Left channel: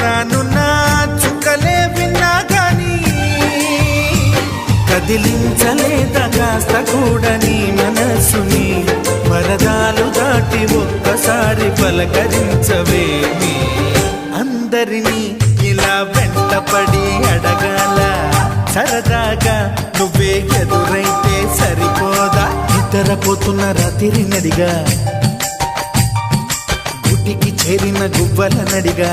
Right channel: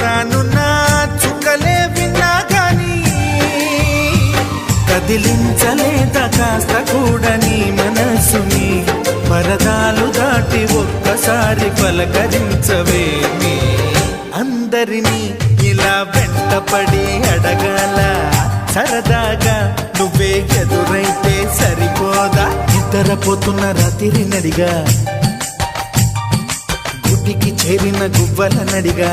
రానున్న చుక్కలే విన్నా గాని కదిలించలేదా కాస్త కూడా నీ మనసుని పరదాలు దాటి ఒక్కసారి పలకరించవేమి అందరినీ ఇలా వెంటపడి అడగాల సరదాగా నువ్వే ఎదురైతే సరిపోదా నిద్రపోతున్న రాత్రి నడిగా గుటికి చేరిన గువ్వల నడిగా